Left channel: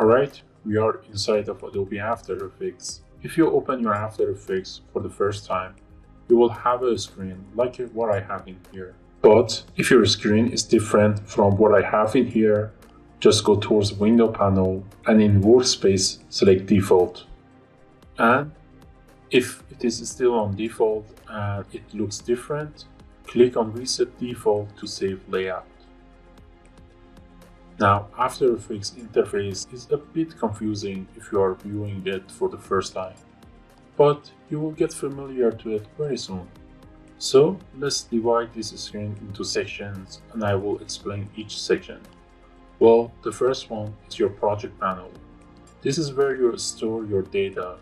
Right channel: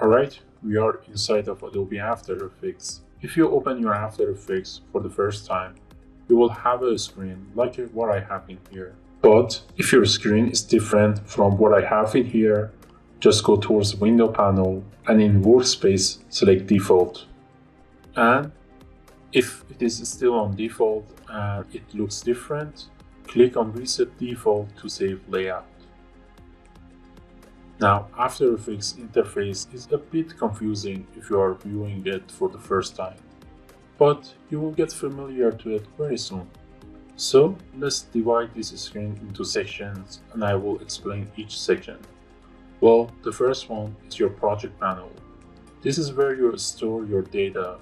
Alright, we are inside of Adobe After Effects. If you open your After Effects for the first time, you will have a screen like what I have in here. But if your screen is different from what I have in here, just go towards the window panel and in Workspace, select Default. And if it is still on default and it looks different, click on Reset Default to save layout. Now, After Effects interface is a bit confusing if you are viewing it for the first time, but you will get familiar to it very soon. So let's divide this screen into sections and I will explain each section. Well, the first one is your project panel. This is where you store your data.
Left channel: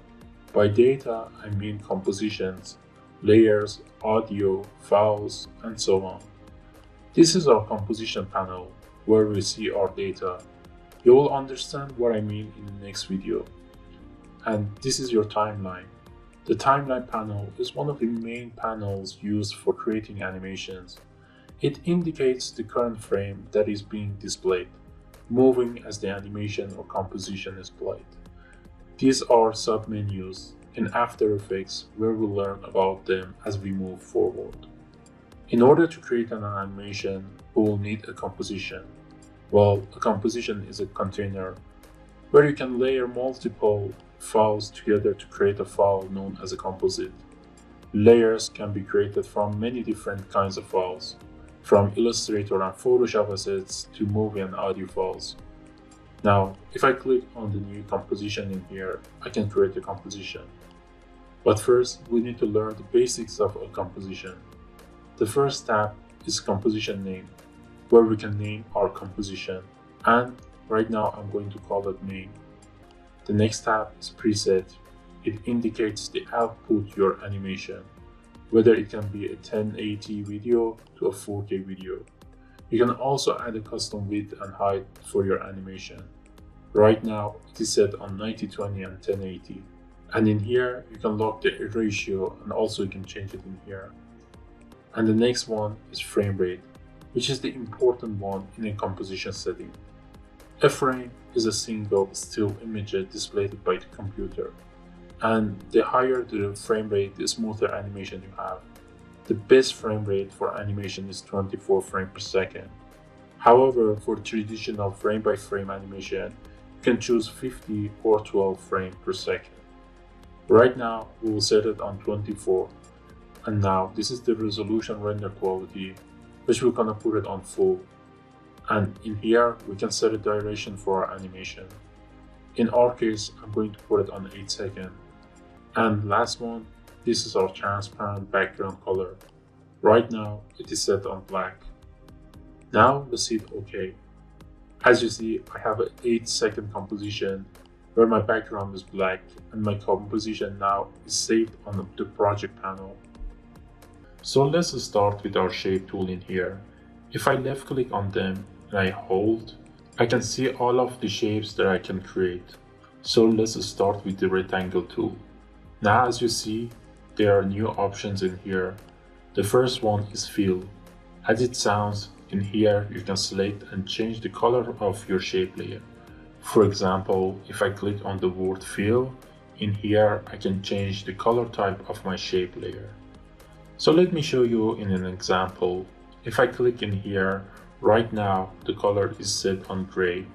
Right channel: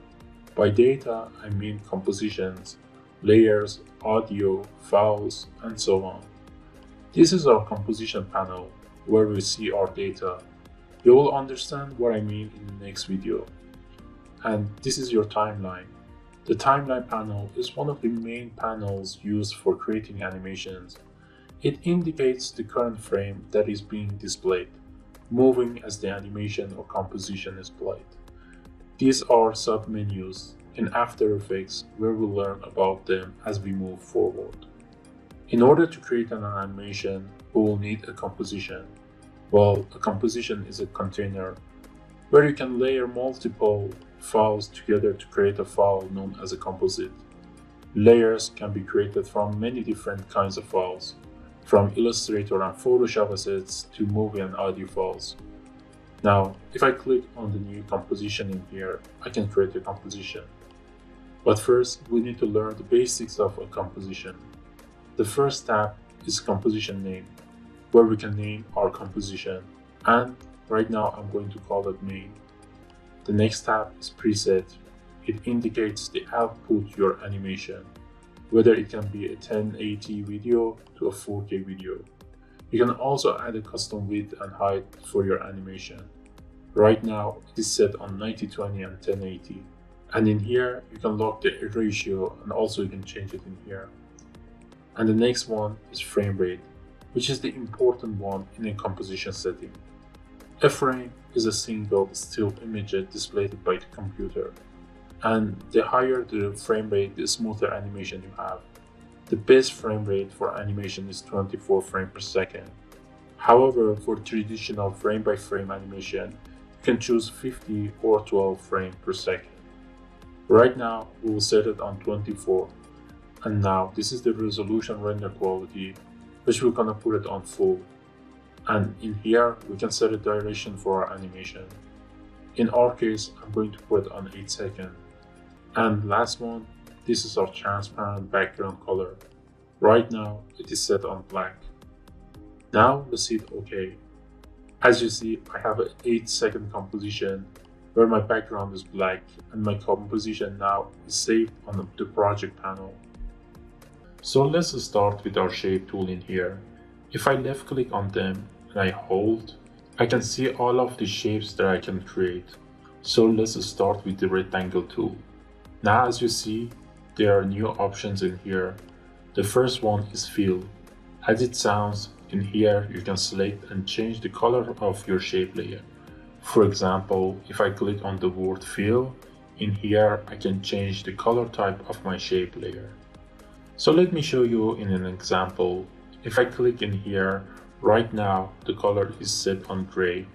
By data, I mean compositions, layers, audio, files, and so on. This is our composition panel, where we see our data. You will understand what I mean in the next video. And this is your timeline. The timeline panel is one of the main panels used for creating animations. It indicates the current frame that is being displayed, moving as the animation or composition is played. These are submenus in After Effects where we'll learn about them as we move forward. In order to create an animation, we will need a composition. Well, a composition is a container where you can layer multiple files together to create a file known as a composite. Layers can be created from many different kinds of files, from Illustrator and Photoshop assets to movie and audio files. Now, if I click on the new composition in here, I can create a composition. But first, we need to learn the basics of a composition. The first tab is composition name, where we can name our composition, and right now I'm going to call it main. The next tab is preset. It indicates the output your animation, whether it can be a 1080 video to a 4K video. You can also add a custom width and height for your animation. Right now it is set on 90/20 and 1080. And in here you can lock the ratio and also you can change it in here. And the next one is frame rate, which is the important one in a composition setting. A frame is a single still image displayed by the computer, and the higher the frame rate, the smoother animation you have. The best frame rate for animation is 24 frames per second. However, for traditional frame-by-frame animation, you can choose 50 or 12 frames per second. Right now, we will set it on 24. And now, this is the resolution render quality, which we're gonna put it on full. And in here, we can set a duration for our animation. In our case, I'm going to put it on 8 seconds. And last one, this is our transparent background color. Right now, it is set on black. Now, let's hit OK. As you see, I have an 8-second composition where my background is black and my composition now is saved on the project panel. So let's start with our shape tool in here. If I left click on them and I hold, I can see all of the shapes that I can create. So let's start with the rectangle tool. Now as you see, there are new options in here. The first one is fill. As it sounds, in here you can select and change the color of your shape layer. For example, if I click on the word fill, in here I can change the color type of my shape layer. So let me show you in an example. If I click in here, right now the color is set on gray.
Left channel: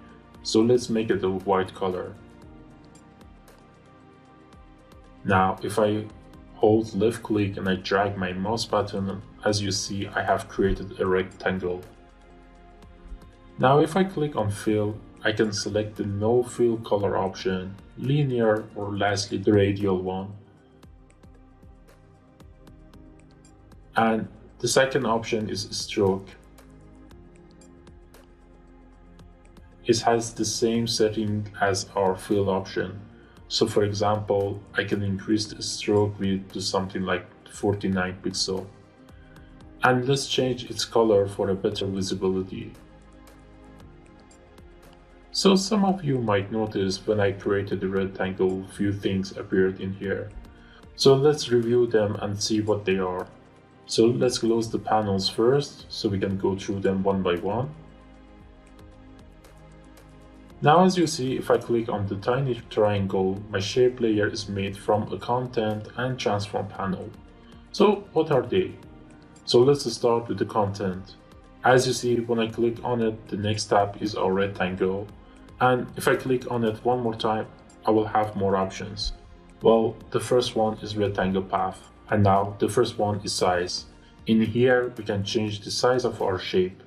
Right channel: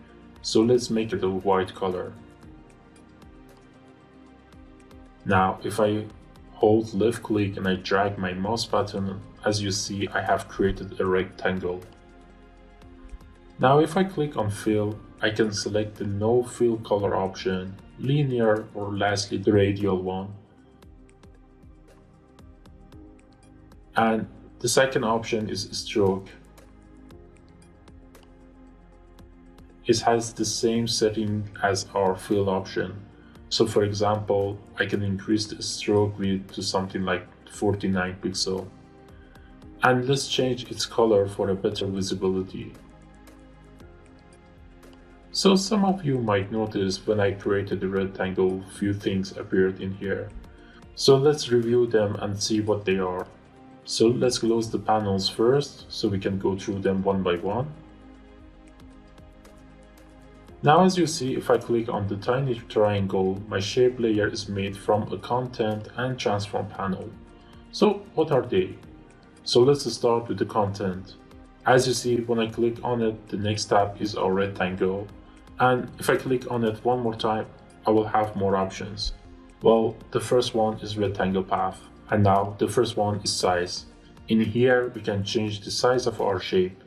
So let's make it a white color. Now if I hold left click and I drag my mouse button, as you see I have created a rectangle. Now if I click on fill, I can select the no fill color option, linear, or lastly the radial one. And the second option is stroke. It has the same setting as our fill option. So for example, I can increase the stroke width to something like 49 pixels. And let's change its color for a better visibility. So some of you might notice when I created a rectangle, few things appeared in here. So let's review them and see what they are. So let's close the panels first so we can go through them one by one. Now as you see, if I click on the tiny triangle, my shape layer is made from a content and transform panel. So what are they? So let's start with the content. As you see, when I click on it, the next tab is our rectangle. And if I click on it one more time, I will have more options. Well, the first one is rectangle path. And now the first one is size. In here, we can change the size of our shape.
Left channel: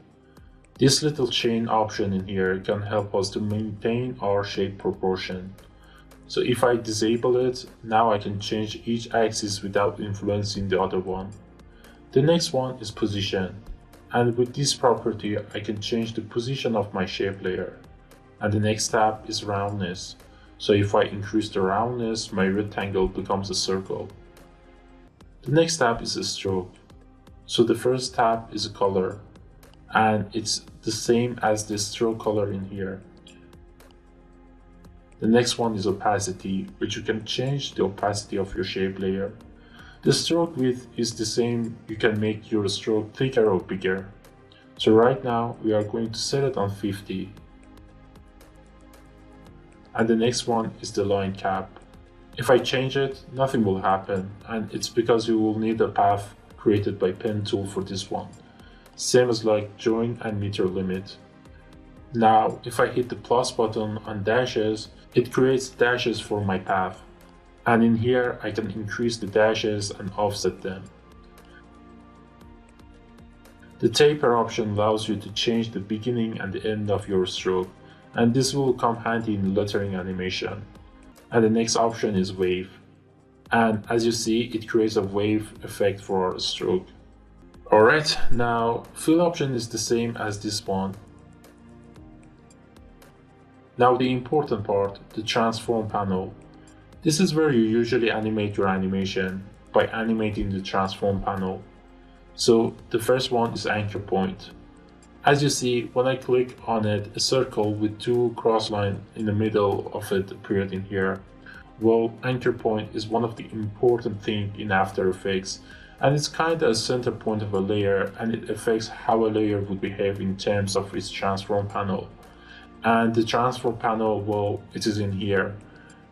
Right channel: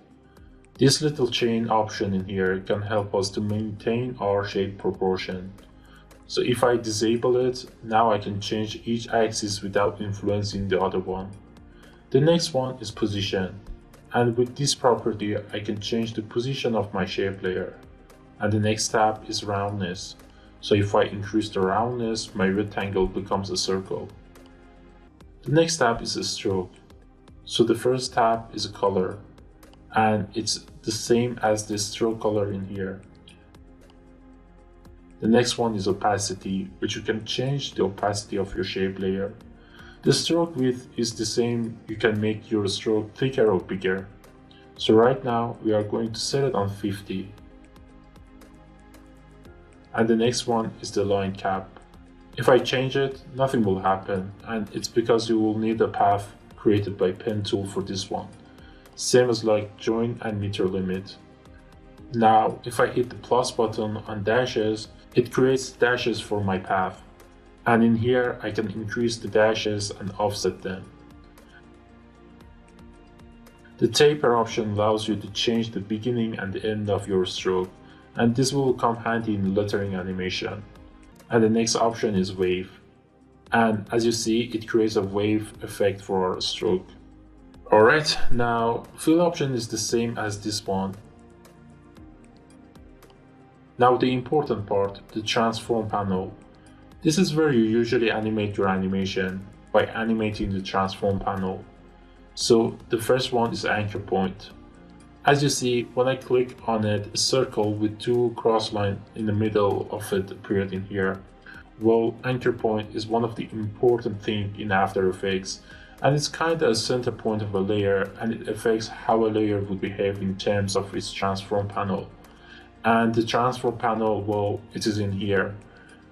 This little chain option in here can help us to maintain our shape proportion. So if I disable it, now I can change each axis without influencing the other one. The next one is position. And with this property, I can change the position of my shape layer. And the next tab is roundness. So if I increase the roundness, my rectangle becomes a circle. The next tab is a stroke. So the first tab is a color, and it's the same as the stroke color in here. The next one is opacity, which you can change the opacity of your shape layer. The stroke width is the same, you can make your stroke thicker or bigger. So right now we are going to set it on 50. And the next one is the line cap. If I change it, nothing will happen, and it's because you will need a path created by pen tool for this one. Same as like join and meter limit. Now, if I hit the plus button on dashes, it creates dashes for my path. And in here, I can increase the dashes and offset them. The taper option allows you to change the beginning and the end of your stroke, and this will come handy in lettering animation. And the next option is wave. And as you see, it creates a wave effect for our stroke. Alright, now fill option is the same as this one. Now the important part, the transform panel. This is where you usually animate your animation by animating the transform panel. So the first one is anchor point. As you see, when I click on it, a circle with two cross lines in the middle of it appeared in here. Well, anchor point is one of the important things in After Effects, and it's kind of a center point of a layer, and it affects how a layer would behave in terms of its transform panel. And the transform panel, well, it is in here.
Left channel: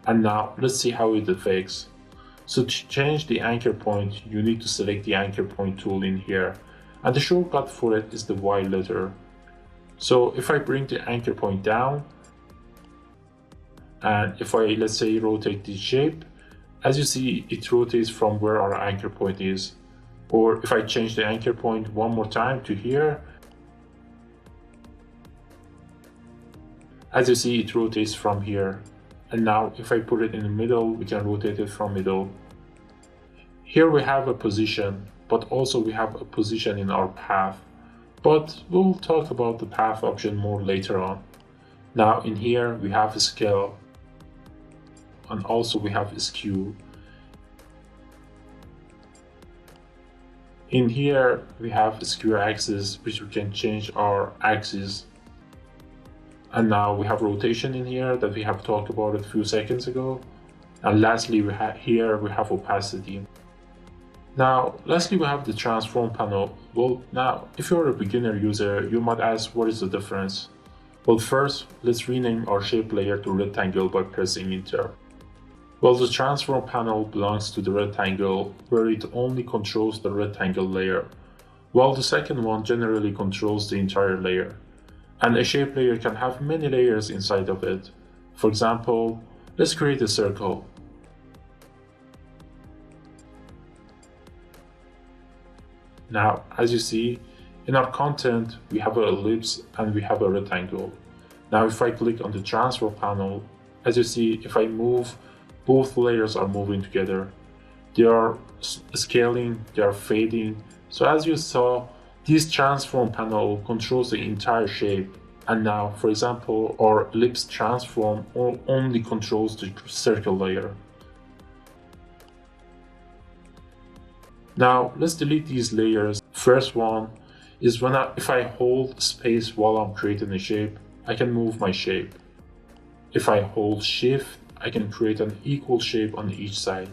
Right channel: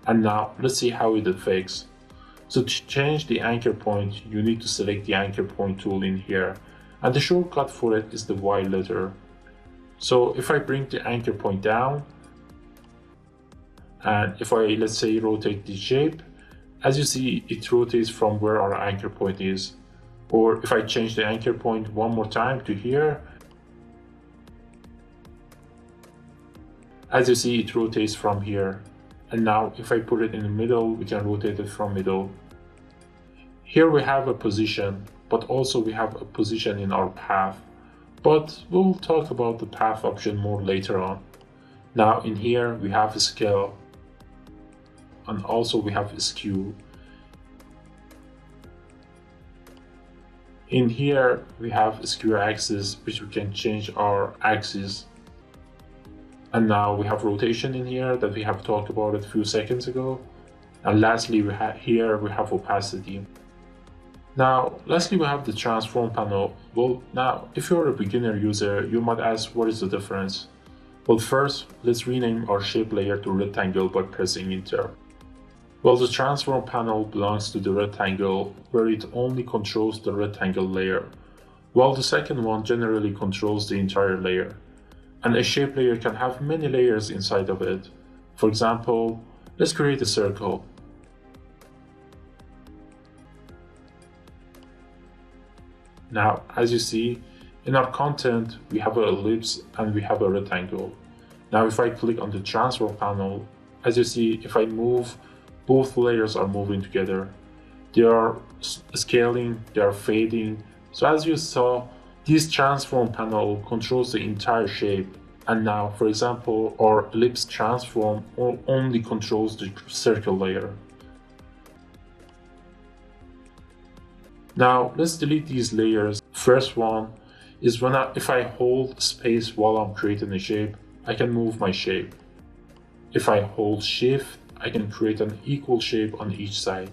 And now let's see how it affects. So to change the anchor point, you need to select the anchor point tool in here. And the shortcut for it is the Y letter. So if I bring the anchor point down, and if I, let's say, rotate the shape, as you see, it rotates from where our anchor point is. Or if I change the anchor point one more time to here, as you see, it rotates from here. And now if I put it in the middle, we can rotate it from middle. Here we have a position, but also we have a position in our path. But we'll talk about the path option more later on. Now in here we have a scale, and also we have a skew. In here we have a skew axis, which we can change our axis. And now we have rotation in here that we have talked about a few seconds ago. And lastly, we have opacity. Now, lastly, we have the transform panel. Well, now, if you're a beginner user, you might ask, what is the difference? Well, first, let's rename our shape layer to rectangle by pressing enter. Well, the transform panel belongs to the rectangle, where it only controls the rectangle layer, while the second one generally controls the entire layer. And a shape layer can have many layers inside of it. For example, let's create a circle. Now, as you see, in our content, we have an ellipse and we have a rectangle. Now, if I click on the transform panel, as you see, if I move, both layers are moving together. They are scaling, they are fading. So as you saw, this transform panel controls the entire shape. And now, for example, our ellipse transform only controls the circle layer. Now, let's delete these layers. First one is if I hold space while I'm creating a shape, I can move my shape. If I hold shift, I can create an equal shape on each side.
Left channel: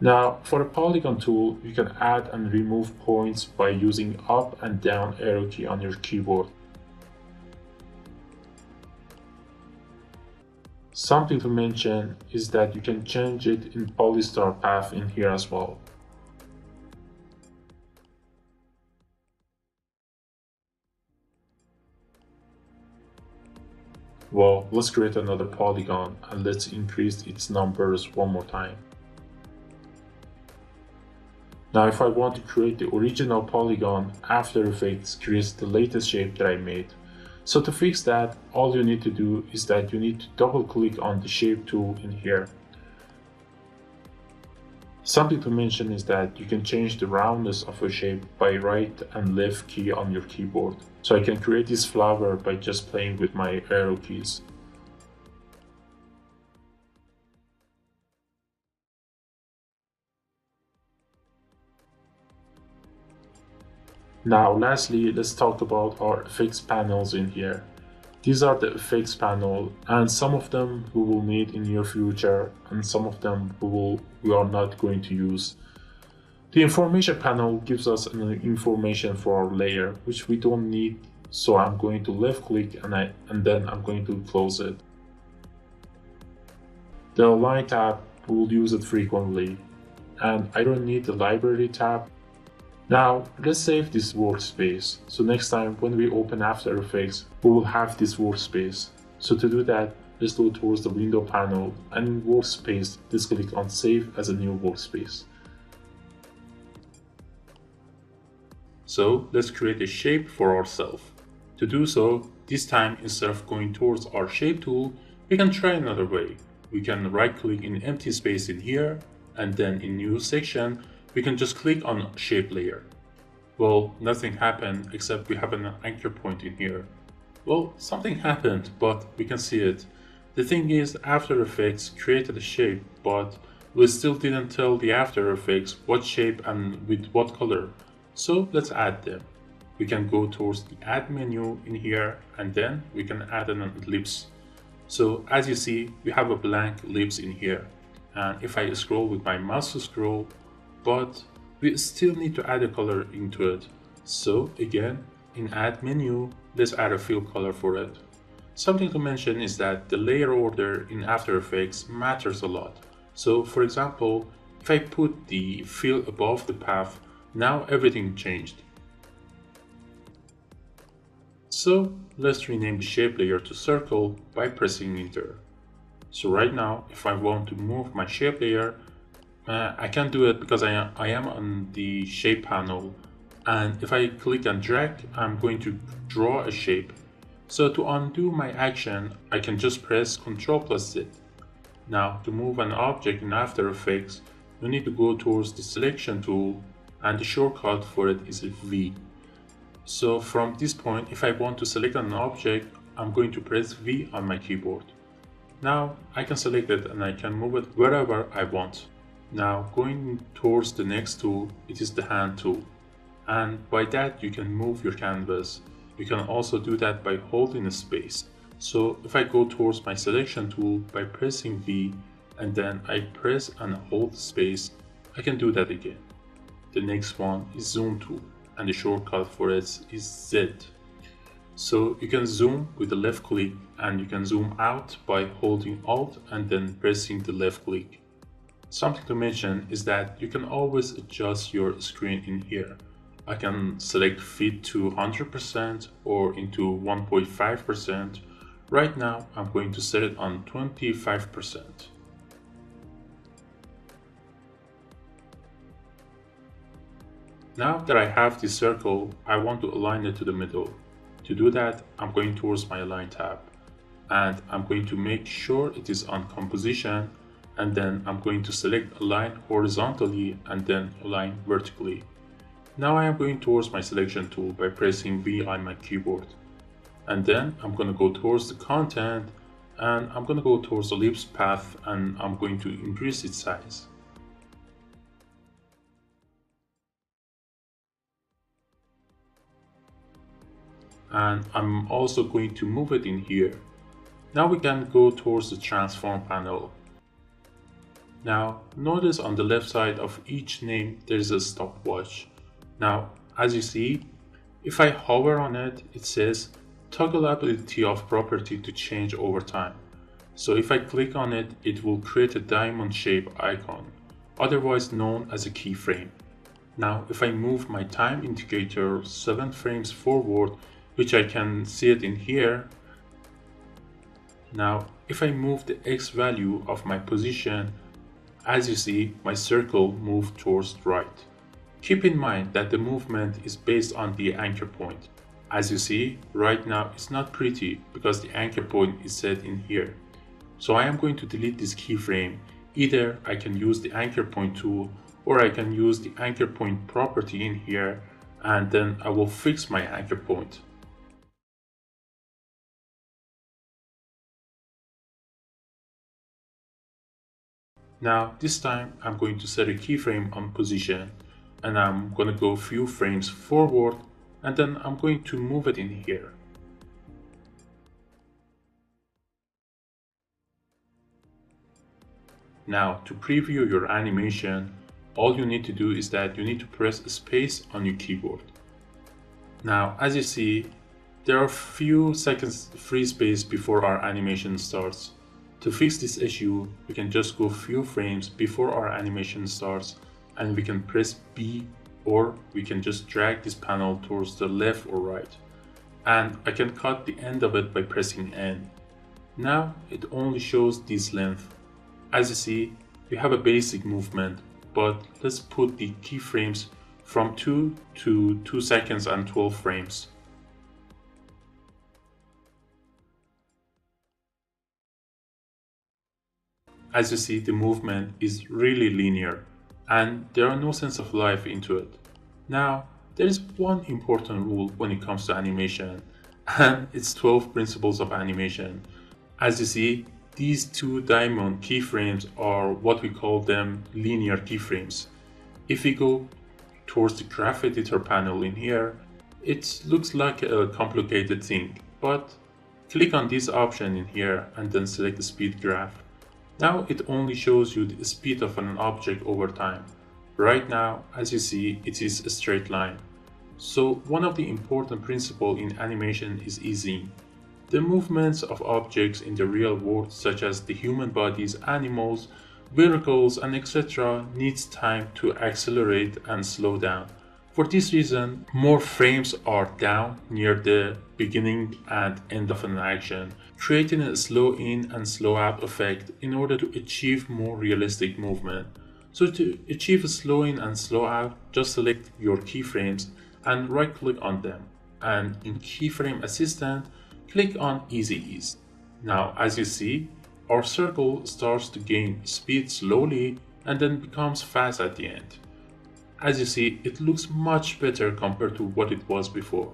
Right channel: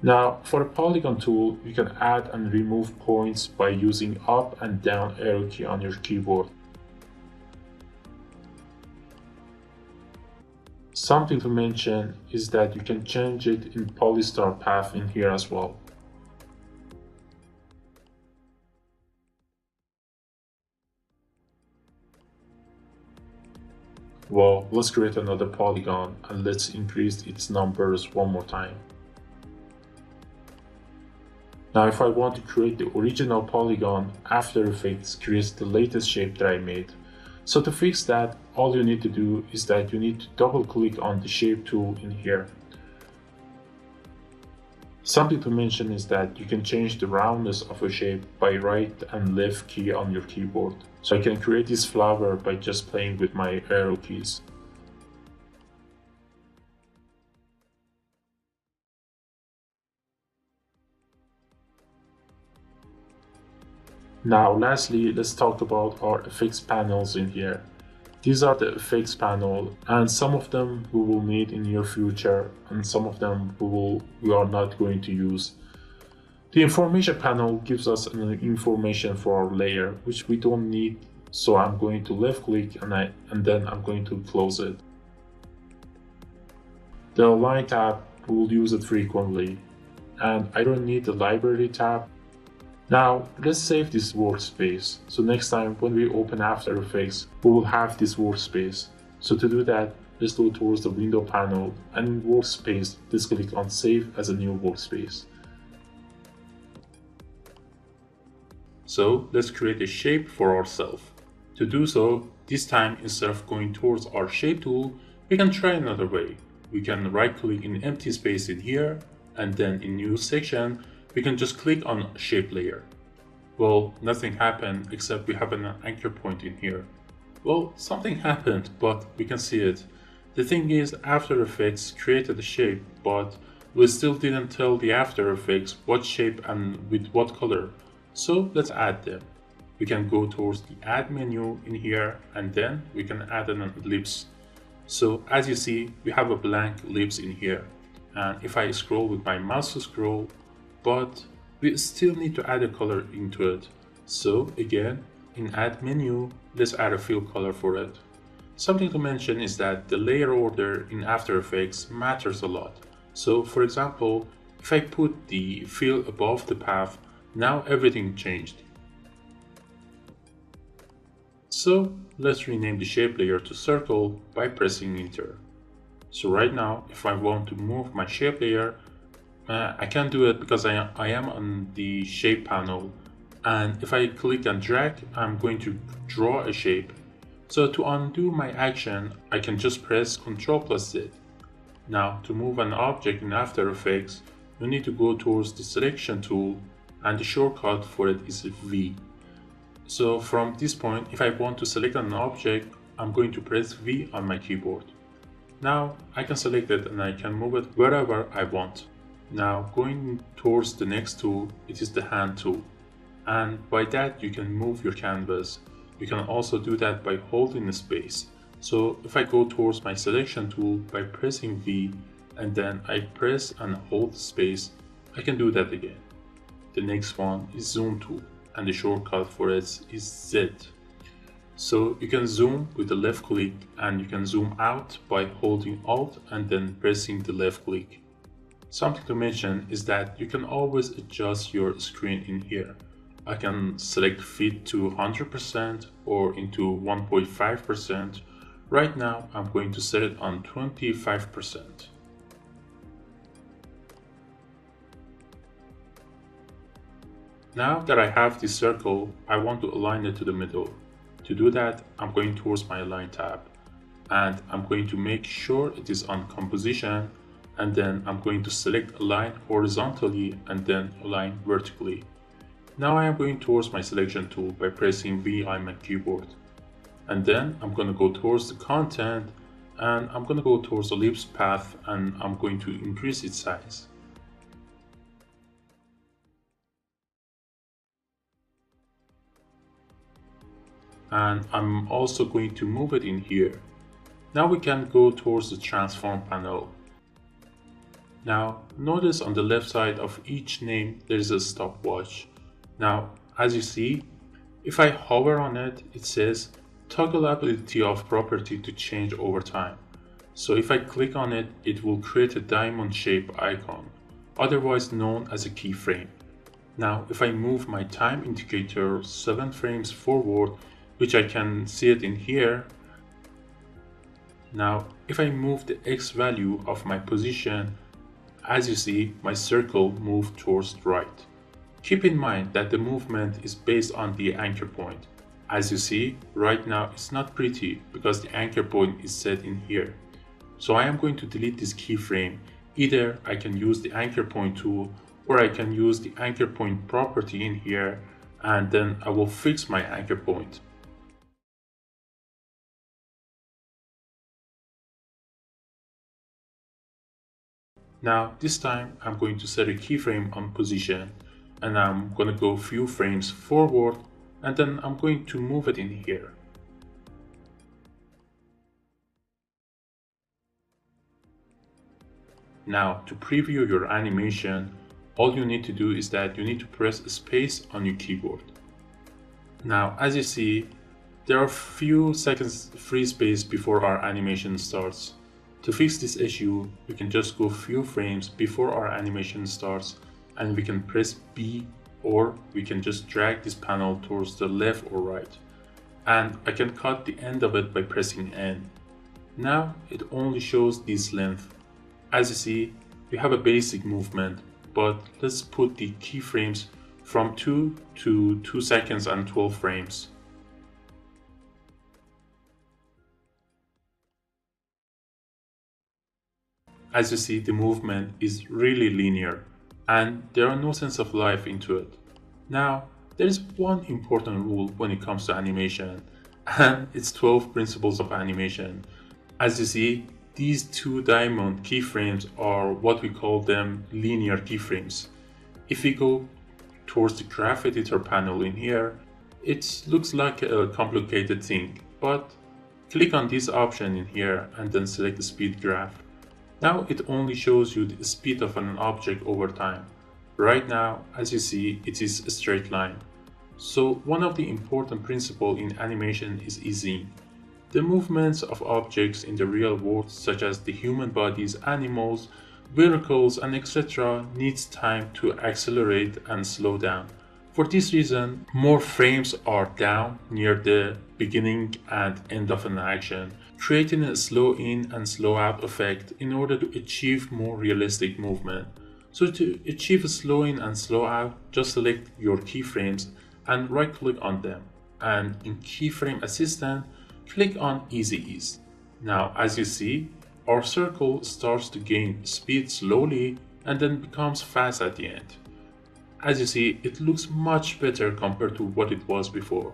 Now, for the polygon tool, you can add and remove points by using up and down arrow key on your keyboard. Something to mention is that you can change it in polystar path in here as well. Well, let's create another polygon and let's increase its numbers one more time. Now if I want to create the original polygon, After Effects creates the latest shape that I made. So to fix that, all you need to do is that you need to double click on the shape tool in here. Something to mention is that you can change the roundness of a shape by right and left key on your keyboard. So I can create this flower by just playing with my arrow keys. Now lastly, let's talk about our effects panels in here. These are the effects panel, and some of them we will need in near future and some of them we are not going to use. The information panel gives us an information for our layer which we don't need, so I'm going to left click and then I'm going to close it. The Align tab, we will use it frequently, and I don't need the Library tab. Now, let's save this workspace. So next time when we open After Effects, we will have this workspace. So to do that, let's go towards the window panel and in workspace, let's click on Save as a new workspace. So let's create a shape for ourselves. To do so, this time instead of going towards our shape tool, we can try another way. We can right click in empty space in here, and then in new section, we can just click on shape layer. Well, nothing happened except we have an anchor point in here. Well, something happened, but we can see it. The thing is, After Effects created a shape, but we still didn't tell the After Effects what shape and with what color. So let's add them. We can go towards the add menu in here, and then we can add an ellipse. So as you see, we have a blank ellipse in here. And if I scroll with my mouse to scroll, but we still need to add a color into it. So again, in add menu, let's add a fill color for it. Something to mention is that the layer order in After Effects matters a lot. So for example, if I put the fill above the path, now everything changed. So let's rename the shape layer to circle by pressing enter. So right now, if I want to move my shape layer, I can do it because I am on the shape panel, and if I click and drag, I'm going to draw a shape. So to undo my action, I can just press Ctrl+Z. Now to move an object in After Effects, you need to go towards the selection tool, and the shortcut for it is V. So from this point, if I want to select an object, I'm going to press V on my keyboard. Now I can select it and I can move it wherever I want. Now going towards the next tool, it is the hand tool, and by that you can move your canvas. You can also do that by holding a space. So if I go towards my selection tool by pressing V and then I press and hold space, I can do that again. The next one is zoom tool, and the shortcut for it is Z. So you can zoom with the left click, and you can zoom out by holding Alt and then pressing the left click. Something to mention is that you can always adjust your screen in here. I can select fit to 100% or into 1.5%. Right now I'm going to set it on 25%. Now that I have this circle, I want to align it to the middle. To do that, I'm going towards my Align tab, and I'm going to make sure it is on composition, and then I'm going to select Align horizontally and then Align vertically. Now I am going towards my selection tool by pressing V on my keyboard. And then I'm going to go towards the content, and I'm going to go towards the ellipse path, and I'm going to increase its size. And I'm also going to move it in here. Now we can go towards the transform panel. Now notice on the left side of each name there's a stopwatch. Now as you see, if I hover on it, it says toggle ability of property to change over time. So if I click on it, it will create a diamond shape icon, otherwise known as a keyframe. Now, if I move my time indicator 7 frames forward, which I can see it in here. Now, if I move the X value of my position, as you see, my circle moved towards the right. Keep in mind that the movement is based on the anchor point. As you see, right now it's not pretty because the anchor point is set in here. So I am going to delete this keyframe. Either I can use the anchor point tool or I can use the anchor point property in here, and then I will fix my anchor point. Now this time I'm going to set a keyframe on position, and I'm going to go a few frames forward, and then I'm going to move it in here. Now to preview your animation, all you need to do is that you need to press space on your keyboard. Now as you see, there are a few seconds free space before our animation starts. To fix this issue, we can just go a few frames before our animation starts, and we can press B, or we can just drag this panel towards the left or right. And I can cut the end of it by pressing N. Now it only shows this length. As you see, we have a basic movement, but let's put the keyframes from 2 to 2 seconds and 12 frames. As you see, the movement is really linear and there are no sense of life into it. Now, there is one important rule when it comes to animation, and it's 12 principles of animation. As you see, these two diamond keyframes are what we call them linear keyframes. If we go towards the graph editor panel in here, it looks like a complicated thing, but click on this option in here and then select the speed graph. Now it only shows you the speed of an object over time. Right now, as you see, it is a straight line. So one of the important principles in animation is easing. The movements of objects in the real world, such as the human bodies, animals, vehicles, and etc., needs time to accelerate and slow down. For this reason, more frames are down near the beginning and end of an action, creating a slow in and slow out effect in order to achieve more realistic movement. So to achieve a slow in and slow out, just select your keyframes and right click on them. And in Keyframe Assistant, click on Easy Ease. Now as you see, our circle starts to gain speed slowly and then becomes fast at the end. As you see, it looks much better compared to what it was before.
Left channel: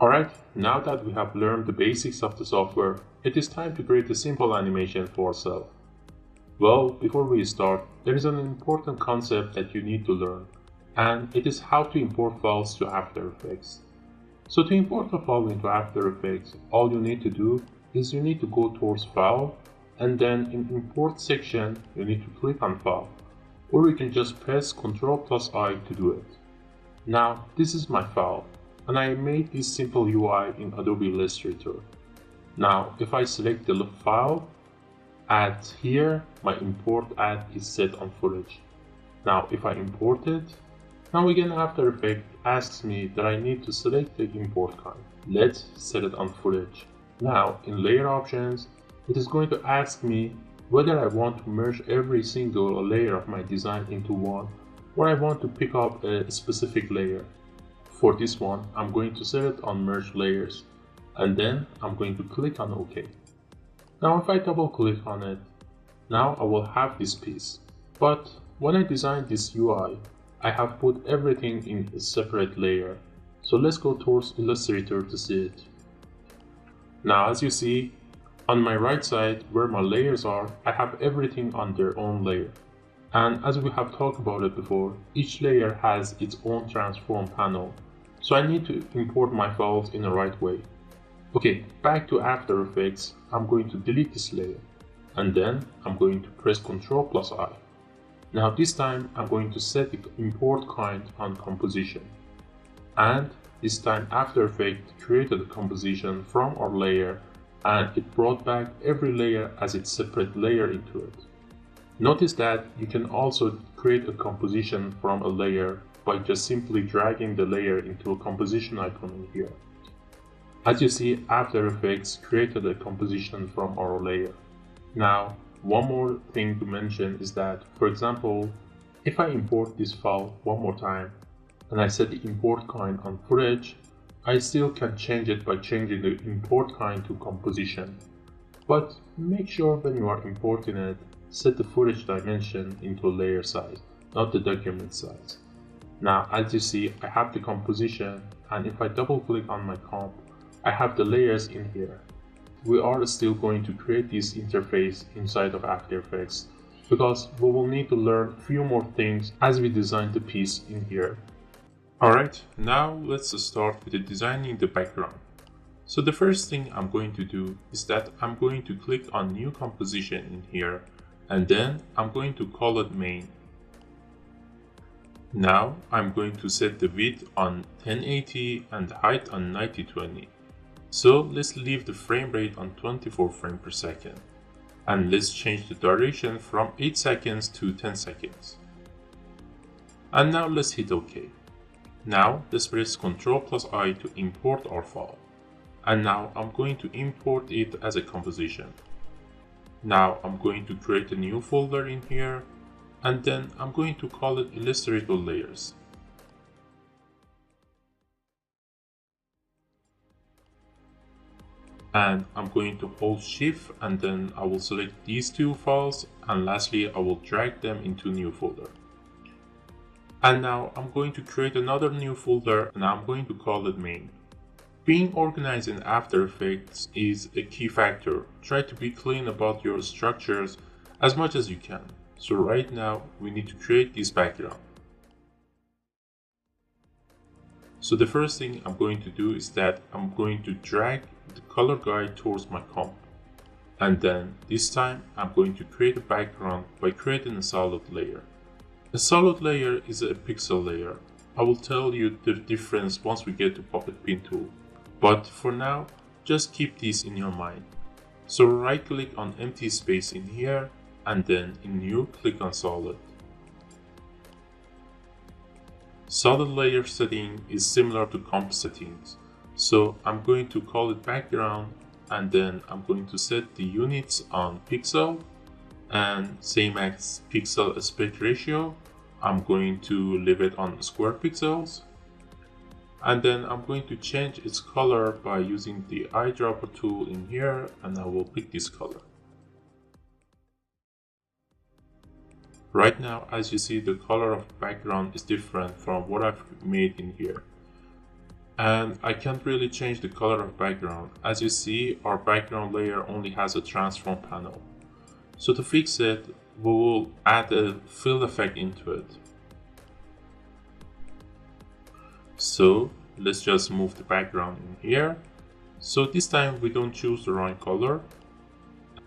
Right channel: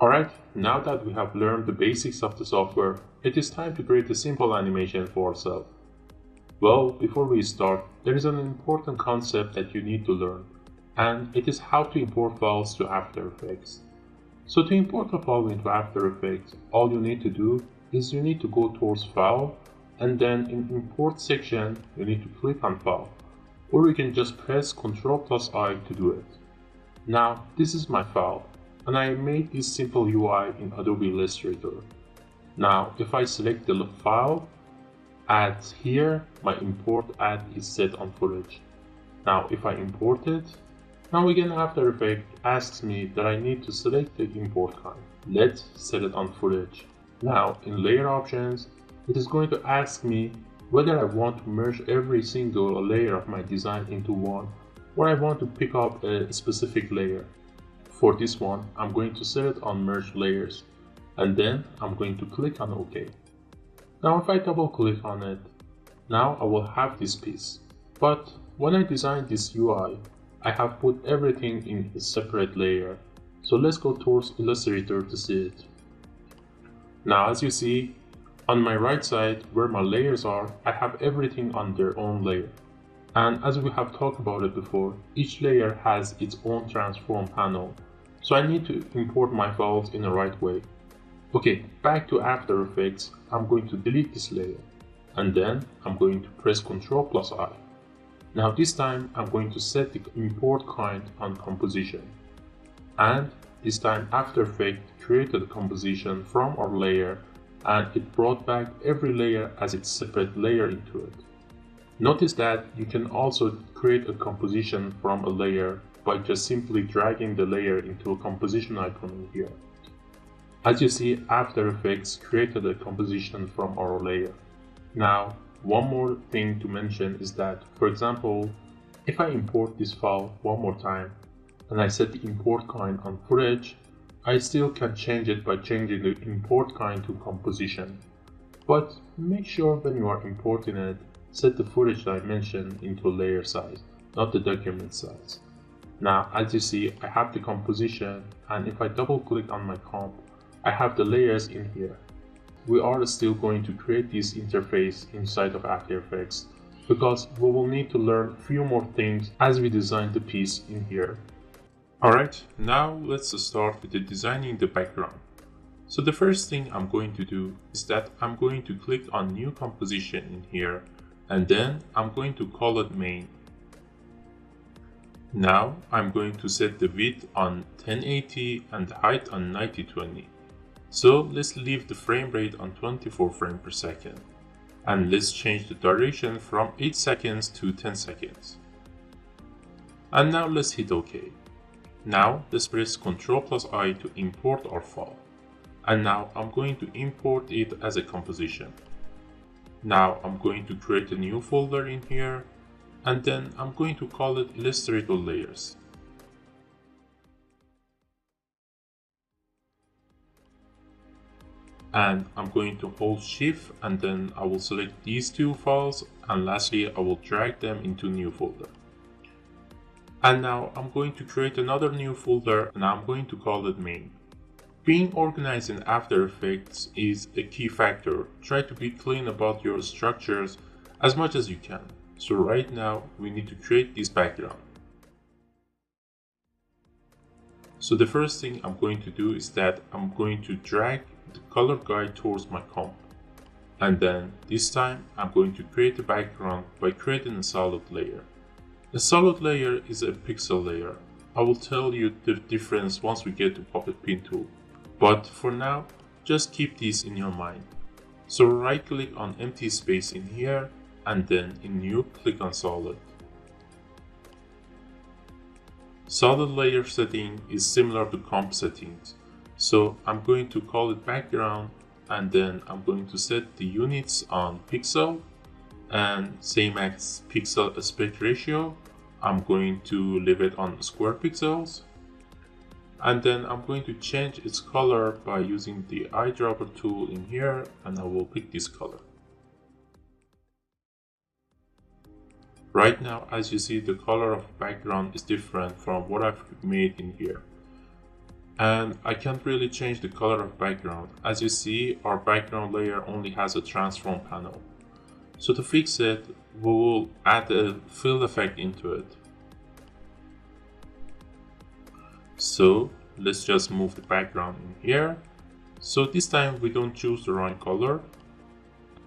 Alright, now that we have learned the basics of the software, it is time to create a simple animation for ourselves. Well, before we start, there is an important concept that you need to learn, and it is how to import files to After Effects. So to import a file into After Effects, all you need to do is you need to go towards File, and then in Import section, you need to click on File, or you can just press Ctrl plus I to do it. Now, this is my file, and I made this simple UI in Adobe Illustrator. Now, if I select the file, add here, my import add is set on footage. Now, if I import it, now again After Effects asks me that I need to select the import kind. Let's set it on footage. Now, in layer options, it is going to ask me whether I want to merge every single layer of my design into one, or I want to pick up a specific layer. For this one, I'm going to set it on merge layers, and then I'm going to click on OK. Now if I double click on it, now I will have this piece. But when I designed this UI, I have put everything in a separate layer. So let's go towards Illustrator to see it. Now as you see, on my right side where my layers are, I have everything on their own layer. And as we have talked about it before, each layer has its own transform panel. So I need to import my files in the right way. Okay, back to After Effects, I'm going to delete this layer and then I'm going to press Ctrl plus I. Now this time I'm going to set the import kind on composition, and this time After Effects created a composition from our layer and it brought back every layer as its separate layer into it. Notice that you can also create a composition from a layer by just simply dragging the layer into a composition icon in here. As you see, After Effects created a composition from our layer. Now, one more thing to mention is that, for example, if I import this file one more time and I set the import kind on footage, I still can change it by changing the import kind to composition. But make sure when you are importing it, set the footage dimension into a layer size, not the document size. Now, as you see, I have the composition, and if I double click on my comp, I have the layers in here. We are still going to create this interface inside of After Effects because we will need to learn a few more things as we design the piece in here. Alright, now let's start with designing the background. So the first thing I'm going to do is that I'm going to click on New Composition in here, and then I'm going to call it Main. Now I'm going to set the width on 1080 and the height on 9020. So let's leave the frame rate on 24 frames per second. And let's change the duration from 8 seconds to 10 seconds. And now let's hit OK. Now let's press Ctrl plus I to import our file. And now I'm going to import it as a composition. Now I'm going to create a new folder in here, and then I'm going to call it Illustrator Layers. And I'm going to hold Shift, and then I will select these two files, and lastly I will drag them into a new folder. And now I'm going to create another new folder, and I'm going to call it Main. Being organized in After Effects is a key factor. Try to be clean about your structures as much as you can. So right now we need to create this background. So the first thing I'm going to do is that I'm going to drag the color guide towards my comp. And then this time I'm going to create a background by creating a solid layer. The solid layer is a pixel layer. I will tell you the difference once we get to Puppet Pin tool. But for now, just keep this in your mind. So right click on empty space in here, and then in new, click on solid. Solid layer setting is similar to comp settings. So I'm going to call it background, and then I'm going to set the units on pixel, and same as pixel aspect ratio, I'm going to leave it on square pixels. And then I'm going to change its color by using the eyedropper tool in here, and I will pick this color. Right now, as you see, the color of background is different from what I've made in here. And I can't really change the color of background. As you see, our background layer only has a transform panel. So to fix it, we'll add a fill effect into it. So let's just move the background in here. So this time we don't choose the right color.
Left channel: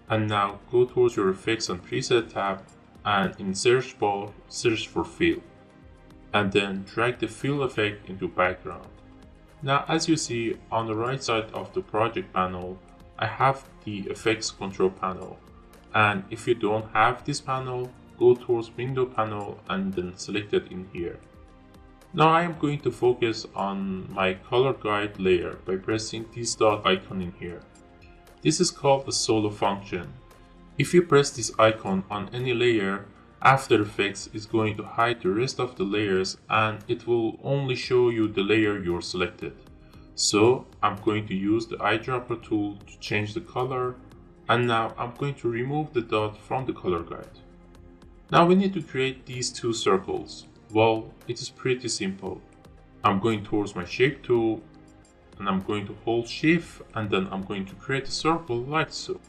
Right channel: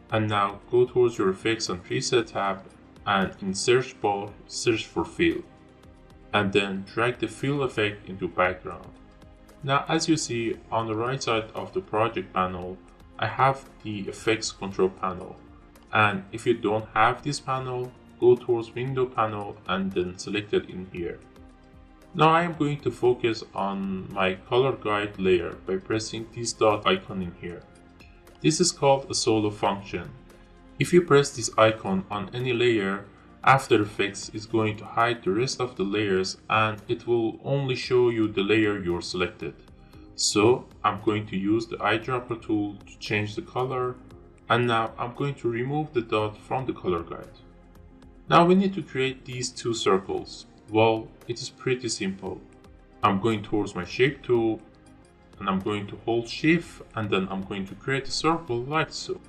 And now go towards your effects and preset tab, and in search bar, search for fill. And then drag the fill effect into background. Now as you see on the right side of the project panel, I have the effects control panel. And if you don't have this panel, go towards window panel and then select it in here. Now I am going to focus on my color guide layer by pressing this dot icon in here. This is called a solo function. If you press this icon on any layer, After Effects is going to hide the rest of the layers and it will only show you the layer you're selected. So I'm going to use the eyedropper tool to change the color, and now I'm going to remove the dot from the color guide. Now we need to create these two circles. Well, it is pretty simple. I'm going towards my shape tool, and I'm going to hold shift, and then I'm going to create a circle like so.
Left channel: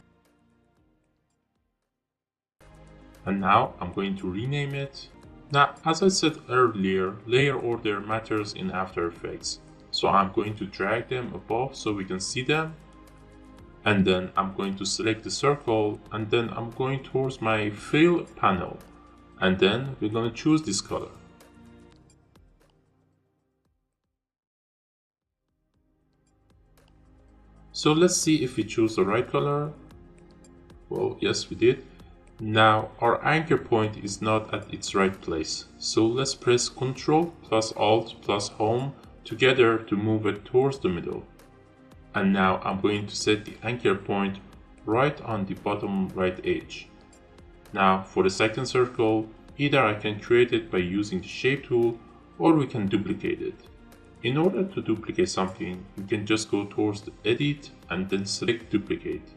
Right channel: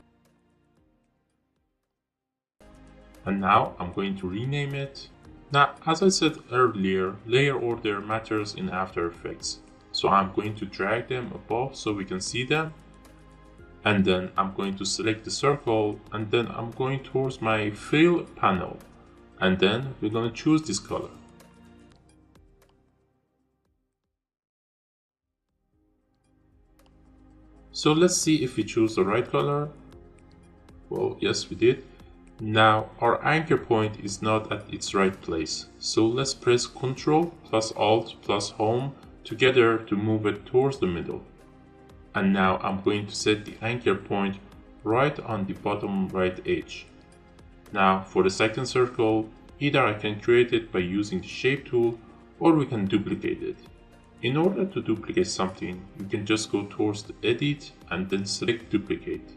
And now I'm going to rename it. Now, as I said earlier, layer order matters in After Effects. So I'm going to drag them above so we can see them. And then I'm going to select the circle, and then I'm going towards my fill panel, and then we're going to choose this color. So let's see if we choose the right color. Well, yes, we did. Now our anchor point is not at its right place, so let's press Ctrl plus Alt plus Home together to move it towards the middle. And now I'm going to set the anchor point right on the bottom right edge. Now for the second circle, either I can create it by using the shape tool, or we can duplicate it. In order to duplicate something, you can just go towards the edit and then select duplicate.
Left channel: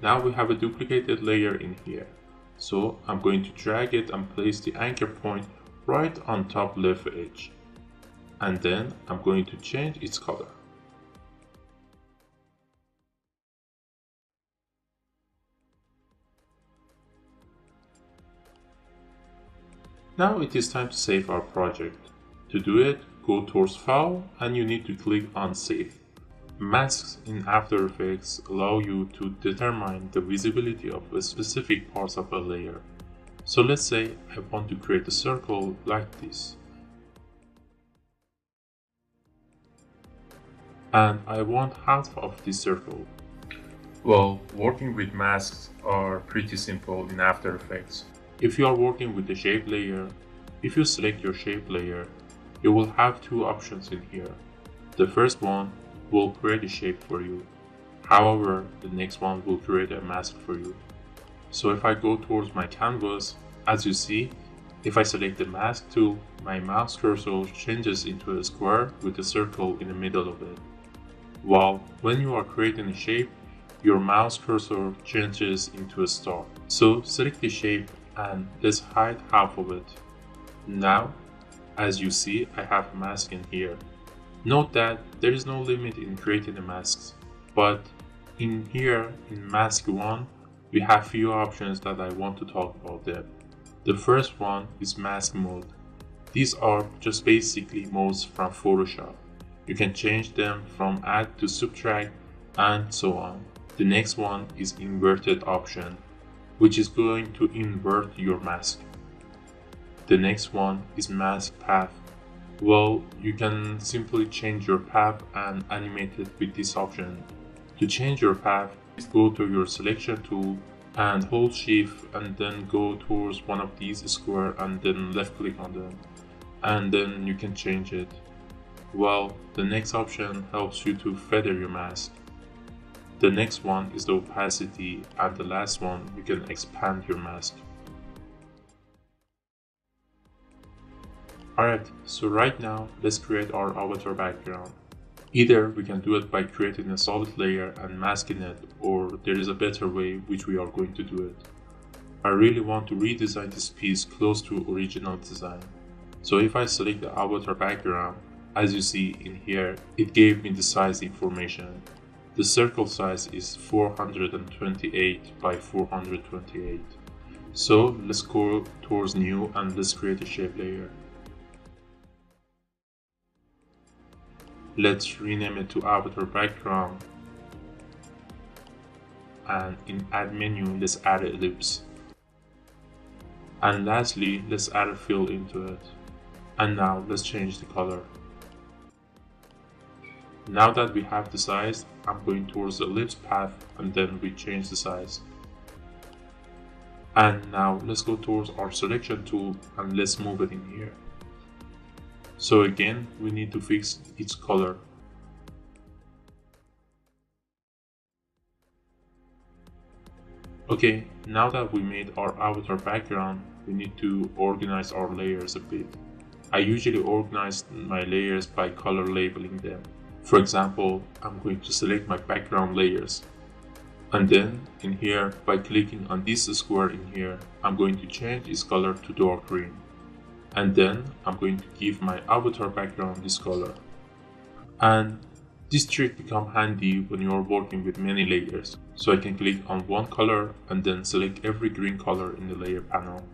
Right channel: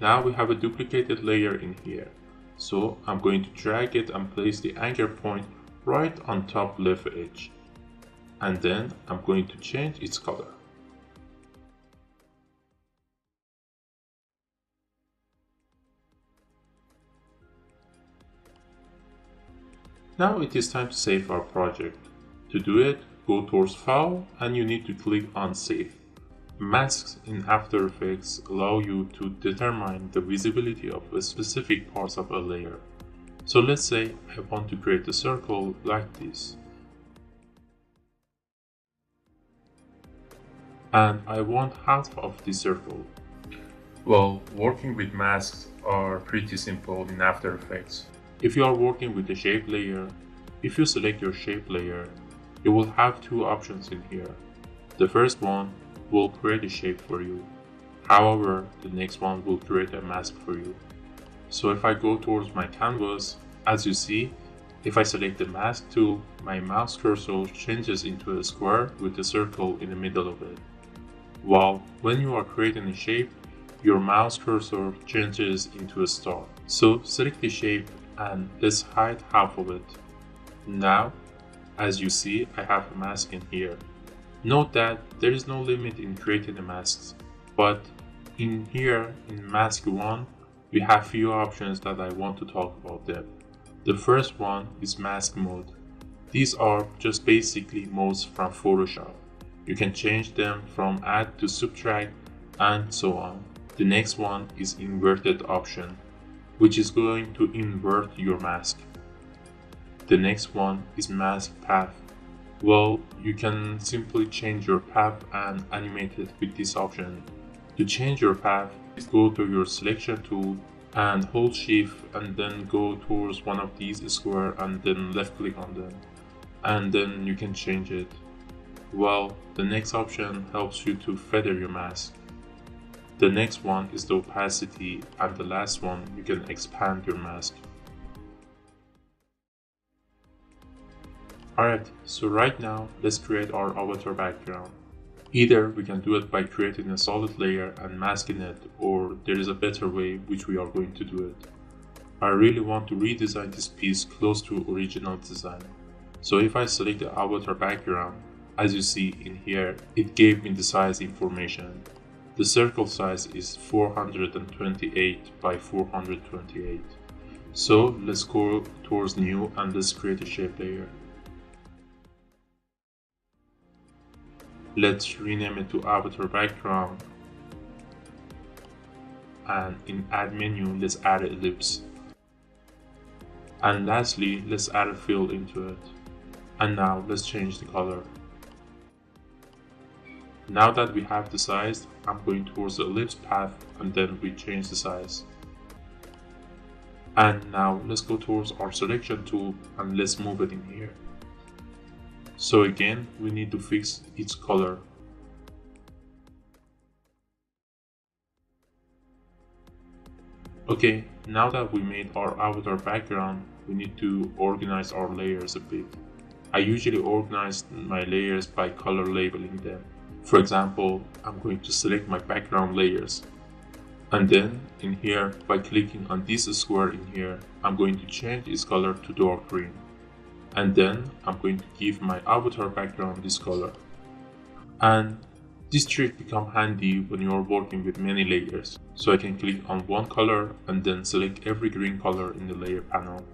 Now we have a duplicated layer in here. So I'm going to drag it and place the anchor point right on top left edge. And then I'm going to change its color. Now it is time to save our project. To do it, go towards File and you need to click on Save. Masks in After Effects allow you to determine the visibility of a specific parts of a layer. So let's say I want to create a circle like this. And I want half of the circle. Well, working with masks are pretty simple in After Effects. If you are working with the shape layer, if you select your shape layer, you will have two options in here. The first one will create a shape for you. However, the next one will create a mask for you. So if I go towards my canvas, as you see, if I select the mask tool, my mouse cursor changes into a square with a circle in the middle of it. While when you are creating a shape, your mouse cursor changes into a star. So select the shape and let's hide half of it. Now, as you see, I have a mask in here. Note that there is no limit in creating the masks, but in here, in mask 1, we have few options that I want to talk about there. The first one is mask mode. These are just basically modes from Photoshop. You can change them from add to subtract and so on. The next one is inverted option, which is going to invert your mask. The next one is mask path. Well, you can simply change your path and animate it with this option. To change your path, go to your selection tool and hold shift and then go towards one of these squares and then left click on them. And then you can change it. While the next option helps you to feather your mask. The next one is the opacity, and the last one you can expand your mask. Alright, so right now let's create our avatar background. Either we can do it by creating a solid layer and masking it, or there is a better way which we are going to do it. I really want to redesign this piece close to original design. So if I select the avatar background, as you see in here, it gave me the size information. The circle size is 428 by 428. So let's go towards new and let's create a shape layer. Let's rename it to avatar background. And in add menu, let's add an ellipse. And lastly, let's add a fill into it. And now let's change the color. Now that we have the size, I'm going towards the ellipse path and then we change the size. And now let's go towards our selection tool and let's move it in here. So again, we need to fix its color. Okay, now that we made our avatar background, we need to organize our layers a bit. I usually organize my layers by color labeling them. For example, I'm going to select my background layers. And then in here, by clicking on this square in here, I'm going to change its color to dark green. And then I'm going to give my avatar background this color. And this trick becomes handy when you are working with many layers. So I can click on one color and then select every green color in the layer panel.